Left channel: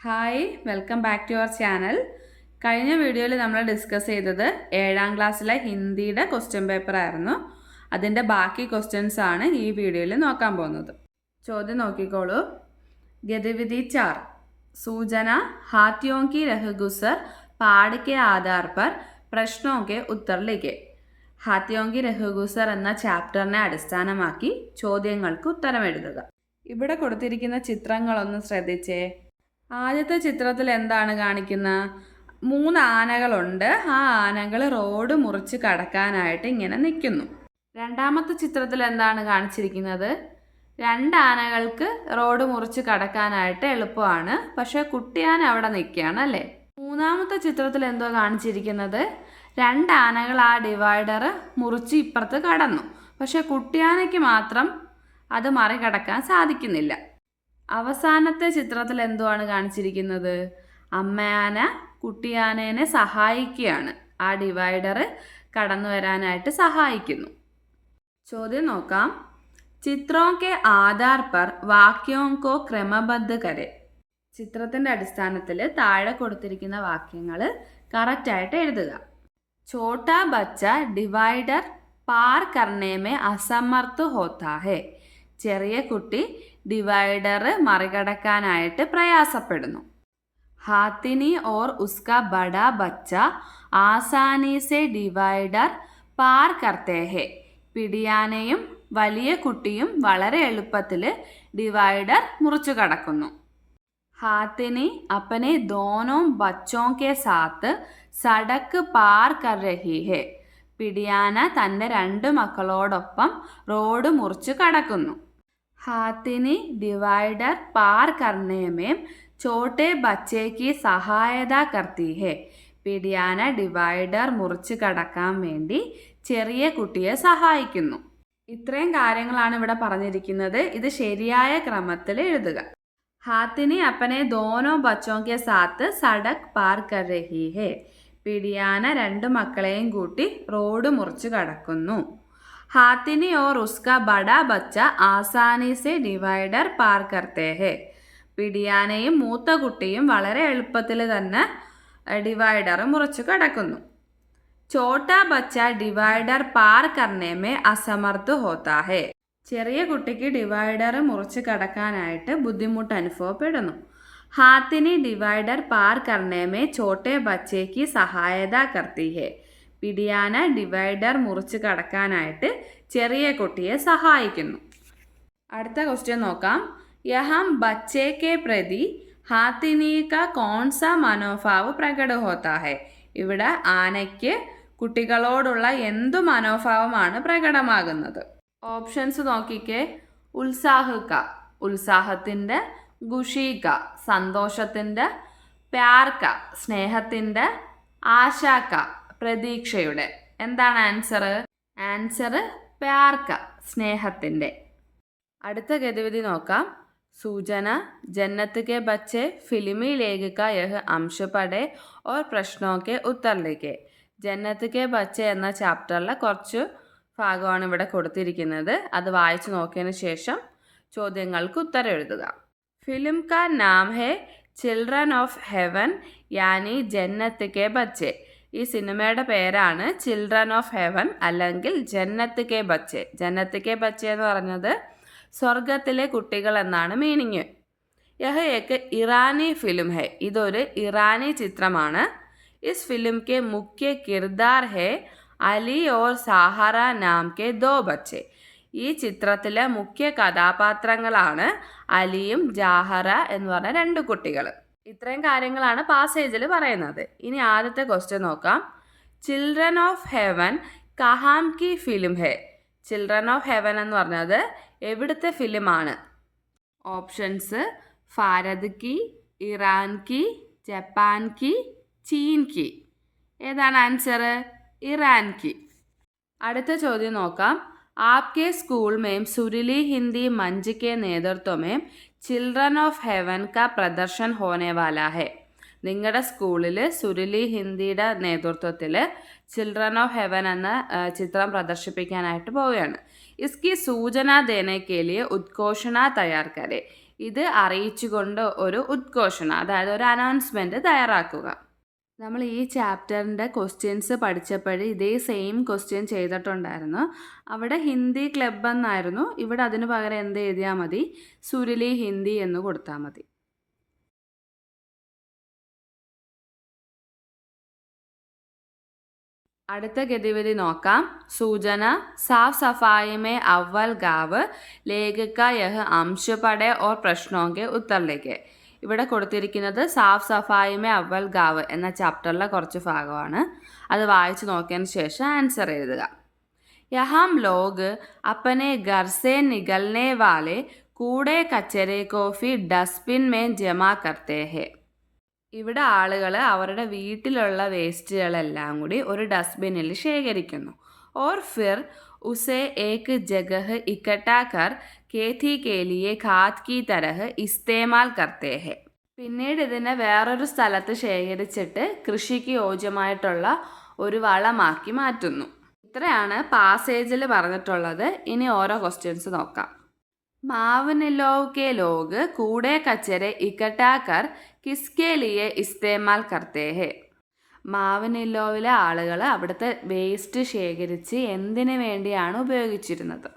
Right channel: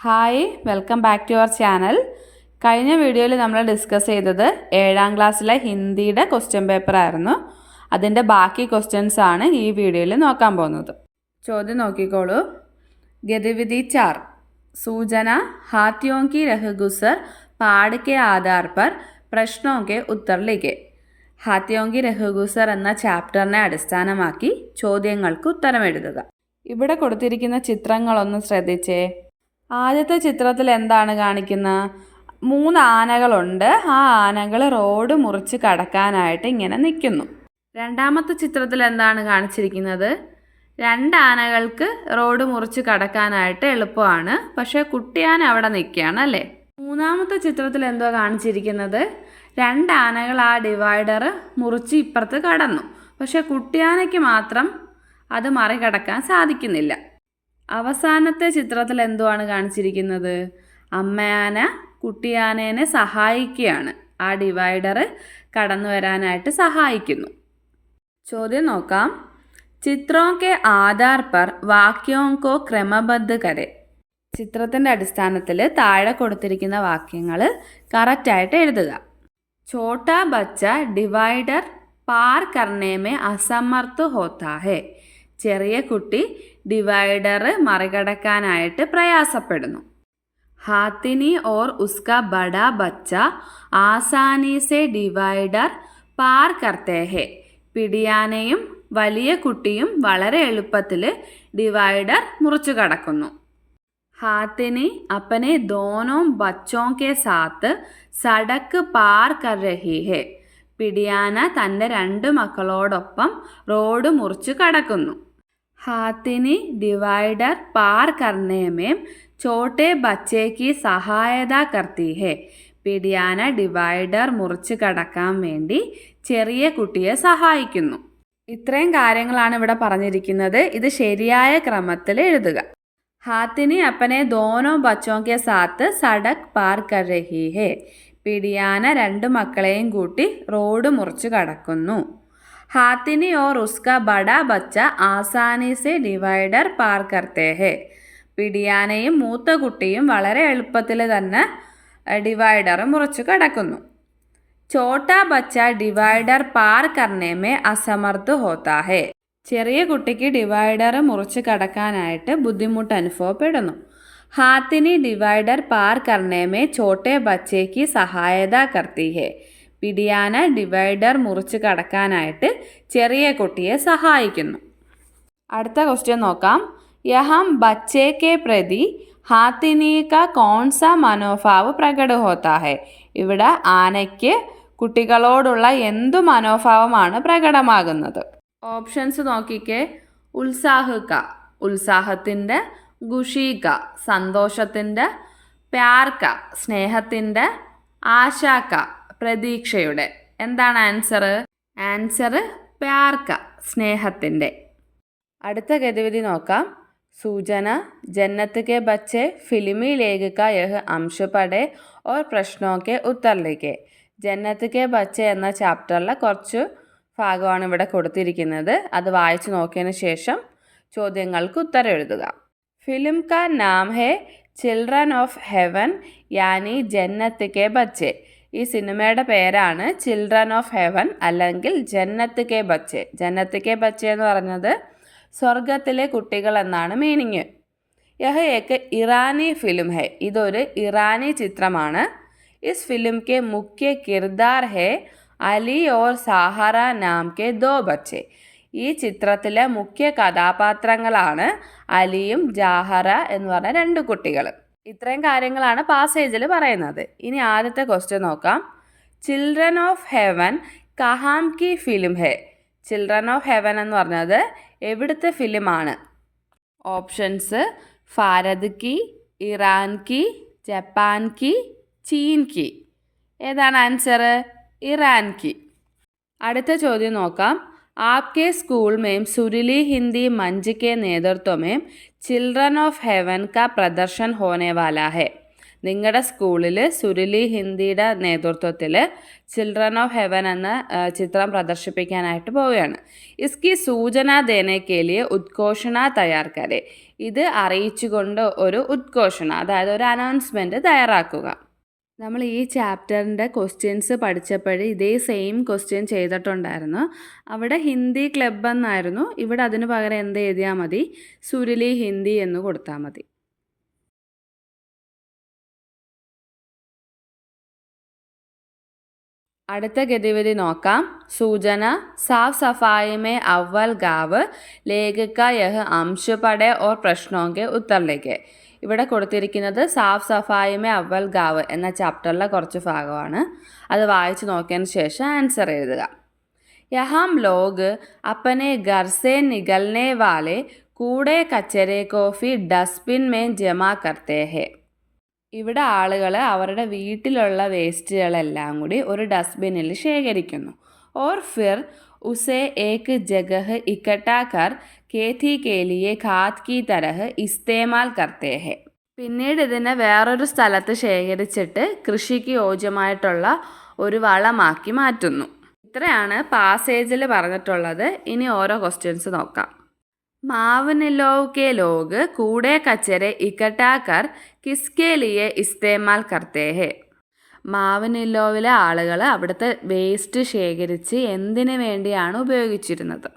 Hi, welcome back to our channel. കഴിഞ്ഞ വീഡിയോയിൽ നമ്മൾ ഡിസ്കസ് ചെയ്തത് 7ാം ക്ലാസ്സിലെ ഹിന്ദിയുടെ ക്വസ്റ്റ്യൻ പേപ്പർ ആയിരുന്നു. അതിൻ്റെ ബാക്കി ക്വസ്റ്റ്യൻസ് ആണ് ഈ വീഡിയോയിൽ നോക്കാൻ പോകുന്നത്. ചോദ്യം നോക്കിക്കോളൂ. ഗതിവിധി 4 सूचना हाथियों की रहगुसर പാഠ के आधार पर പ്രശ്നോ के उत्तर लिखे. ഹാത്തിയോं की रहगुसर എന്ന ചാപ്റ്ററിനെ അടിസ്ഥാനമാക്കി ചോദ്യങ്ങൾക്ക് ഉത്തരം എഴുതുക. ഇവിടെ കൊടുത്തിരിക്കുന്ന ചിത്രങ്ങളൊന്ന് ശ്രദ്ധിച്ചേ. ആദ്യത്തെ ചിത്രത്തിൽ എന്താണ് കാണിക്കുന്നത്? 3 ആനകളുണ്ട്. ആ ആനകൾ റോഡ് മുറിച്ച് കടക്കാനായിട്ട് ഇങ്ങനെ നിൽക്കുന്നു. രണ്ടാമത്തെ ചിത്രത്തിൽ എന്താണ് കാണിച്ചിരിക്കുന്നത്? 2 ആനകൾക്ക് റോഡ് മുറിച്ച് കടക്കാനായിട്ട് എളുപ്പമാണ്, പക്ഷേ കുട്ടിയാന അവിടെ നിൽക്കുകയാണ് അല്ലേ. മൂന്നാമത്തെ ചിത്രത്തിൽ എന്തോ കാണിച്ചിരിക്കുന്നത്? 2 ആനകൾ ആ ഡിവൈഡർ മുറിച്ച് ഇപ്പുറത്ത് കടന്നു, പക്ഷേ കുട്ടിയാനയ്ക്ക് മാത്രം അത് മറികടക്കാൻ സാധിക്കുന്നില്ല. അവസാനത്തെ ചിത്രത്തിൽ എന്തുവാണ് കാണിച്ചിരിക്കുന്നത്? അമ്മയാന കുട്ടിയാനേനെ സഹായിക്കുകയാണ്, ആ ഡിവൈഡർ കടന്നു വരാനായിട്ട് സഹായിക്കുന്നു. ചോദ്യം നോക്കാം. ചിത്രോं के आधार पर वाक्यों को क्रमबद्ध करें. ചിത്രത്തിൻ്റെ അടിസ്ഥാനത്തിൽ താഴെ കൊടുത്തിരിക്കുന്ന വാക്യങ്ങൾ കറക്റ്റായിട്ട് എഴുതുക. छोटा बच्चा डिवाइडर पार करने में असमर्थ होता है. ചെറിയ കുട്ടി ഡിവൈഡർ മറികടക്കാനായിട്ട് പ്രയാസപ്പെടുന്നു. हाथिनी और उसका बड़ा बच्चा आसानी से डिवाइडर पार करते हैं. പിടിയാനയും വലിയ കുട്ടിയും വളരെ എളുപ്പത്തിൽ ഡിവൈഡർ മുറിച്ചു കടക്കുന്നു. हाथिनी अपने दोनों बच्चों के साथ सड़क पार कर रही है. പിടിയാന തൻ്റെ 2 മക്കളോടൊപ്പം റോഡ് മുറിച്ച് കടക്കുന്നു. हाथिनी डिवाइडर पार करने में छोटे बच्चे की सहायता करती है. പിടിയാന ഡിവൈഡർ മുറിച്ച് കടക്കാൻ വേണ്ടി ചെറിയ കുട്ടിയെ സഹായിക്കുന്നു. ഇത്രയും കാര്യങ്ങളാണ് ഇവിടെ പറഞ്ഞിരിക്കുന്നത്. ഇത് ശരിയായ ക്രമത്തിൽ എഴുതുക. हाथिनी अपने दोनों बच्चों के साथ सड़क पार कर रही है. പിടിയാന 2 മക്കളെയും കൂട്ടി റോഡ് മുറിച്ച് കടക്കുന്നു. हाथिनी और उसका बड़ा बच्चा आसानी से डिवाइडर पार करते हैं. പിടിയാനയും മൂത്ത കുട്ടിയും വളരെ എളുപ്പത്തിൽ തന്നെ ഡിവൈഡർ മുറിച്ച് കടക്കുന്നു. छोटा बच्चा डिवाइडर पार करने में असमर्थ होता है. ചെറിയ കുട്ടിക്ക് ഡിവൈഡർ മുറിച്ച് കടക്കാനായിട്ട് ബുദ്ധിമുട്ട് അനുഭവപ്പെടുന്നു. हाथिनी डिवाइडर पार करने में छोटे बच्चे की सहायता करती है. പിടിയാന ഡിവൈഡർ മുറിച്ച് കടക്കാനായിട്ട് ചെറിയ കുട്ടിയെ സഹായിക്കുന്നു. അടുത്ത ക്വസ്റ്റ്യൻ നോക്കാം. യഹം ബच्चे के प्रति हाथिनी का कौन सा मनोभाव प्रकट होता है. ഇവിടെ ആനയ്ക്ക് കുട്ടികളോടുള്ള എന്തു മനോഭാവമാണ് പ്രകടമാകുന്നത്? ഓപ്ഷൻസ് നോക്കിക്കേ. ഉത്സാഹിക്ക ഉത്സാഹത്തിൻ്റെ, ഖുഷിക സന്തോഷത്തിൻ്റെ, പ്യാർക്ക സ്നേഹത്തിൻ്റെ, ആശാക്ക പ്രതീക്ഷയുടെ. എന്താണ് ആൻസർ? ആൻസർ പ്യാർക്ക സ്നേഹത്തിൻ്റെ. അടുത്ത ഗതിവിധി നോക്കാം. सूचना जन्नत के बच्चे फिल्मी लेख का यह अंश पढ़े और प्रश्नों के उत्तर लिखे. ജന്നത്ത് കെ ബച്ച എന്ന ചാപ്റ്ററിലെ കുറച്ച് ഭാഗമാണ് ഇവിടെ കൊടുത്തിരിക്കുന്നത്. അത് വായിച്ചു നോക്കിയതിന് ശേഷം ചോദ്യങ്ങൾക്ക് ഉത്തരം എഴുതുക. ഫിലിം കാ നാം ഹേ ചിൽഡ്രൻ ഓഫ് ഹെവൻ യാനി ജന്നത്ത് കെ ബച്ചെ. ഈ സിനിമയുടെ പേരാണ് ചിൽഡ്രൻ ഓഫ് ഹെവൻ അല്ലെങ്കിൽ ജന്നത്ത് കെ ബച്ചെ. ജന്നത്ത് കെ ബച്ചെ എന്ന് പറഞ്ഞത് സ്വർഗത്തിലെ കുട്ടികൾ എന്നാണ് മീനിങ്. യഹ് ഏക്ക് ഇറാനി ഫിലിം ഹെ. ഇതൊരു ഇറാനി ചിത്രമാണ്. इस फिल्म के मुख्य किरदार है अली और साहरा नाम के 2 बच्चे. ഈ ചിത്രത്തിലെ മുഖ്യ കഥാപാത്രങ്ങളാണ് അലിയും ജാഹറ എന്ന് പറഞ്ഞ 2 കുട്ടികൾ. ഇത്രയും കാര്യങ്ങളാണ് പാസേജിൽ പറയുന്നത്. ഇനി ആദ്യത്തെ ക്വസ്റ്റ്യൻ നോക്കാം. ചിൽഡ്രൻ ഓഫ് ഹെവൻ കഹാം കി ഫിലിം ഹെ. ചിൽഡ്രൻ ഓഫ് ഹെവൻ എന്ന് പറഞ്ഞത് എവിടുത്തെ ഫിലിമാണ്? ഓപ്ഷൻസ് ഭാരത് കി, ഇറാൻ കി, ജപ്പാൻ കി, ചീൻ കി. ഏതാണ് ആൻസർ? ഇറാൻ കി. അടുത്ത ചോദ്യം നോക്കാം. आपके स्कूल में सुरीली हिंदी मंच के नेतृत्व में चिल्ड्रन ऑफ हेवन का प्रदर्शन होने वाला है. നിങ്ങളുടെ സ്കൂളിൽ സുരിലി ഹിന്ദിയുടെ നേതൃത്വത്തിൽ ചിൽഡ്രൻ ഓഫ് ഹെവൻ എന്ന ചിത്രം പ്രദർശിപ്പിക്കാനായിട്ട് പോവുകയാണ്. ഇസ്കി സൂചന ദേനെ കെ ലിയെ ഉദ്ഘോഷണ തയ്യാർ കരെ. ഇത് അറിയിച്ചുകൊണ്ട് ഒരു ഉദ്ഘോഷണ, അതായത് ഒരു അനൗൺസ്മെൻറ്റ് തയ്യാറാക്കുക. നമ്മൾ ഈ ചാപ്റ്ററിൻ്റെ ക്വസ്റ്റ്യൻസ് പഠിച്ചപ്പോൾ ഇതേ സെയിം ക്വസ്റ്റ്യൻ ചെയ്തിട്ടുണ്ടായിരുന്നു. അവിടെ ഹിന്ദി ക്ലബ് എന്നായിരുന്നു. ഇവിടെ അതിന് പകരം എന്ത് എഴുതിയാൽ മതി? സുരുലി ഹിന്ദി എന്ന് കൊടുത്താൽ മതി. അടുത്ത ഗതിവിധി നോക്കാം. സൂചന സാഫ് സഫായി മേ അവൽ ഗാവ് ലേഖക യഹ് അംശ് പഠേ ഓർ പ്രശ്നോ കെ ഉത്തറിലേക്ക്. ഇവിടെ കൊടുത്തിരിക്കുന്നത് സാഫ് സഫായി മേ അവൽ ഗാവ് എന്ന ചാപ്റ്ററിലെ കുറച്ച് ഭാഗമാണ്. അത് വായിച്ച് നോക്കിയതിന് ശേഷം ആൻസർ എഴുതുക. യഹാം ലോഗ് അപ്പനെ ഘർ സേ നികൽനെ വാലെ കൂടെ കച്ചരെ കോഫി ഡസ്റ്റ്ബിൻ മേ ജമാ കർത്തേ ഹെ. ഇവിടെ ആളുകൾ അവരുടെ വീട്ടിലുള്ള വേസ്റ്റുകളെല്ലാം കൂടി ഒരു ഡസ്റ്റ്ബിന്നിൽ ശേഖരിക്കുന്നു. ഓർ ഫിർ ഉസേ ഏക് ജഗഹ് ഇക്കട്ടാ കർ खेती के लिए खाद की तरह इस्तेमाल करते हैं. പിന്നീട് ഇതിനെ വേറൊരു സ്ഥലത്ത് ശേഖരിച്ചിട്ട് കൃഷിക്ക് യോജ്യമായിട്ടുള്ള ഒരു വളമാക്കി മാറ്റുന്നു. ഇത്രയാണ് പാസേജിൽ പറഞ്ഞിട്ടുള്ളത്. ഇനി ഓരോ ക്വസ്റ്റ്യൻസ് നോക്കാം. മാവ്നിലോവ് കെ ലോഗ് കൂടെ കച്ചരെ ഇക്കട്ടാ കർ കിസ്കെ ലിയെ ഇസ്തേമാൽ കർത്തേ ഹെ. മാവ്നിലോവിലെ ആളുകൾ അവിടുത്തെ വേസ്റ്റ് ശേഖരിച്ച് എന്തിനു വേണ്ടിയാണ് ഉപയോഗിച്ചിരുന്നത്?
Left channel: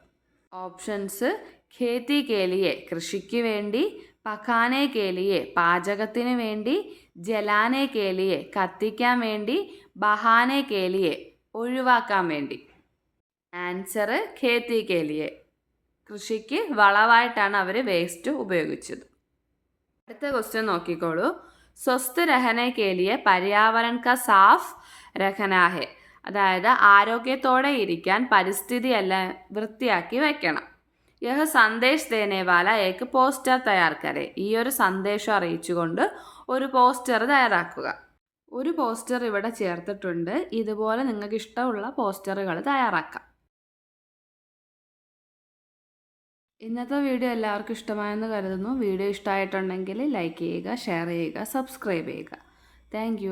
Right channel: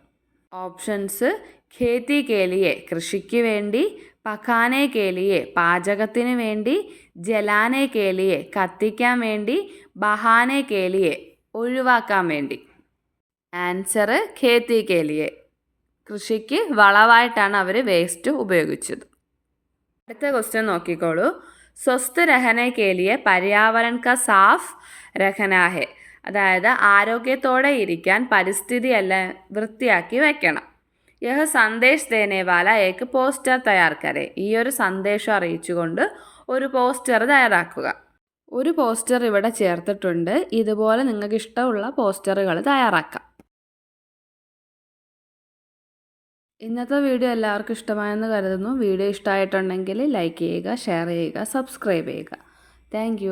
ഓപ്ഷൻസ്: ഖേത്തി കേലിയെ കൃഷിക്ക് വേണ്ടി, പഖാനെ കേലിയെ പാചകത്തിന് വേണ്ടി, ജലാനെ കേലിയെ കത്തിക്കാൻ വേണ്ടി, ബഹാനെ കേലിയെ ഒഴിവാക്കാൻ വേണ്ടി. ആൻസർ ഖേത്തി കേലിയെ. കൃഷിക്ക് വളമായിട്ടാണ് അവർ വേസ്റ്റ് ഉപയോഗിച്ചത്. അടുത്ത ക്വസ്റ്റ്യൻ നോക്കിക്കോളൂ. സ്വസ്ഥ രഹനെ കേലിയെ പര്യാവരൺ കാ സാഫ് രഖനാ ഹെ. അതായത് ആരോഗ്യത്തോടെ ഇരിക്കാൻ പരിസ്ഥിതി എല്ലാം വൃത്തിയാക്കി വയ്ക്കണം. യഹ് സന്ദേശ് ദേനെ വാല ഏക്ക് പോസ്റ്റർ തയ്യാർ കരെ. ഈ ഒരു സന്ദേശം അറിയിച്ചുകൊണ്ട് ഒരു പോസ്റ്റർ തയ്യാറാക്കുക. ഒരു പോസ്റ്റർ ഇവിടെ ചേർത്തിട്ടുണ്ട്. ഇതുപോലെ നിങ്ങൾക്ക് ഇഷ്ടമുള്ള പോസ്റ്ററുകൾ തയ്യാറാക്കാം. ഇന്നത്തെ വീഡിയോ എല്ലാവർക്കും ഇഷ്ടമായെന്ന് കരുതുന്നു. വീഡിയോ ഇഷ്ടമായിട്ടുണ്ടെങ്കിൽ ലൈക്ക് ചെയ്യുക, ഷെയർ ചെയ്യുക, സബ്സ്ക്രൈബ് ചെയ്യുക. താങ്ക്